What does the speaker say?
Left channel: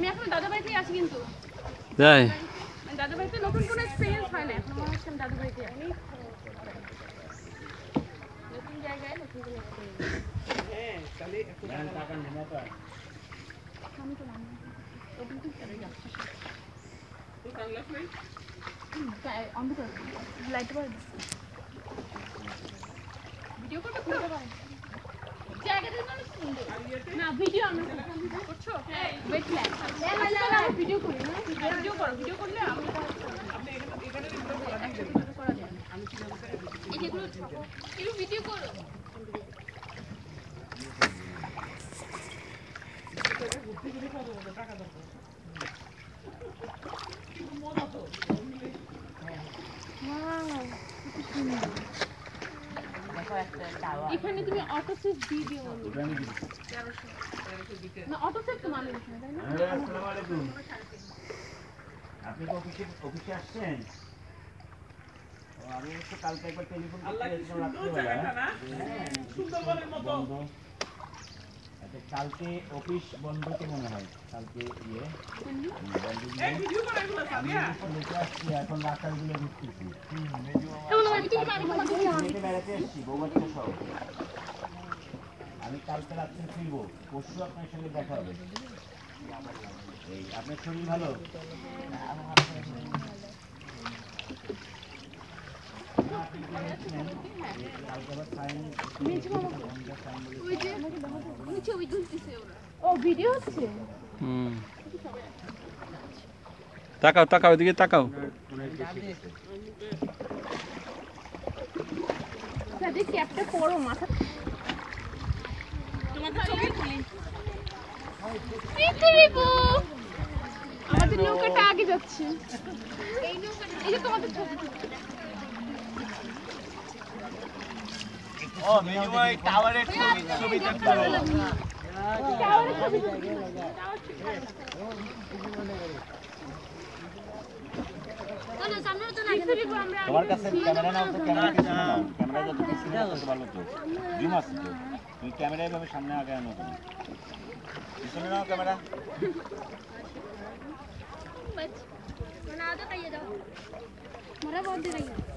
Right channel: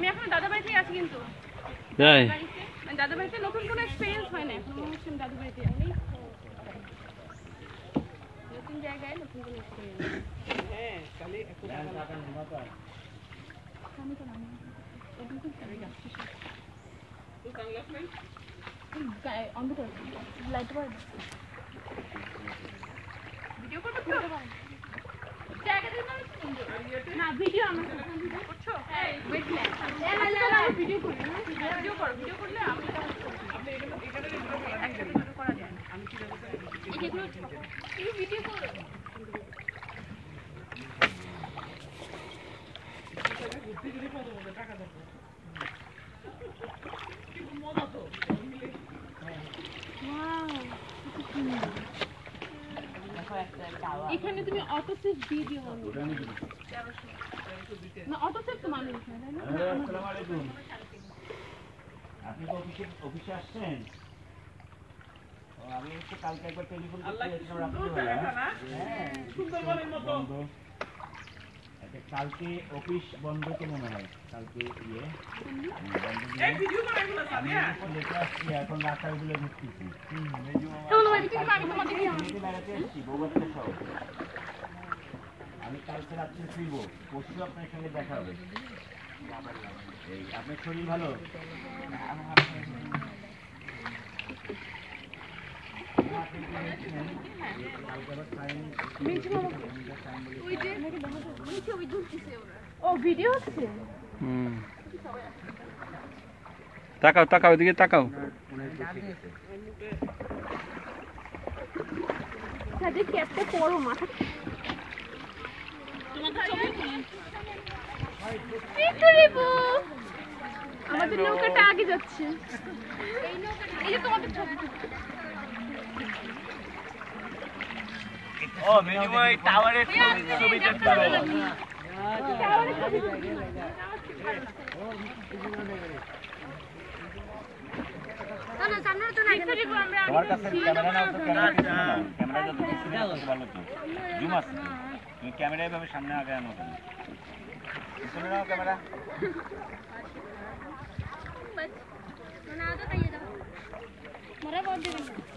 আমি এখন দাদা বাড়িতে আছি কিন্তু তাই দাদা বাড়িতে নতুন কোনো এক্সপেরিয়েন্স হয় না এখন মনে হচ্ছে আমি দাদা বাড়িতে আছি নতুন জায়গায় নতুন কোনো এক্সপেরিয়েন্স হ্যাঁ তাহলে একটু টাকা নিয়ে তো আমি তো নাম ওটা কি করে যাচ্ছে তো সানগ্লাস নাই অন্ধ করে লাইট বয় ভিডিও করতে পারো জায়গাটা না সুন্দর না ভিডিও আমরা করছো হ্যাঁ ওয়েট না আমরা ভিডিও করি না ভিডিও করলে আমি আপনি এখানে একসাথে ভিডিও করা যায় আমি এই যেগুলো তুমি ভিডিও করো বুদ্ধি করে পাবো টাকা দাও মজা তো এখানে তুমি অটো সেভ দিয়ে দিও না অটো সেভ তো মানে না তাই না আসসালামু আলাইকুম আপনি তো অফিসে আসছেন আমি একটু কালকে একবার টেলিফোন করেছিলাম রাত্রিবেলা হ্যাঁ সুন্দরবনের মতো আচ্ছা কালকে অফিস বন্ধ তো মনে হয় কালকে আমি লেখা আসছি এখন রাস্তাগুলো দেখতেছি বেড়াতে আসছি বউ বাচ্চা সহ আমি কালকে রাত্রে ফিরব পরশু আপনার সঙ্গে দেখা হবে এই আপনার শরীর ভালো তাকাও তাকাও এদিকে তাকাও ক্যাপটা পরো মাথা আমাদের নৌকাটা আগে যাচ্ছে এই যে তোমাদের ও মিনিমাম টাওয়ারের ছবিটা তুলো টাওয়ারের ছবি না সামনে তো না তোমার কাছে ক্যামেরা নাও তো ক্যামেরা যত কিছু না তত ভালো তো জুম আছে তো তুমি ক্যামেরা এভাবে সামনে আগে আনো কেন পিছনে নাও ক্যামেরা बस बना दो तैयार जाओ मेरा बहुत देर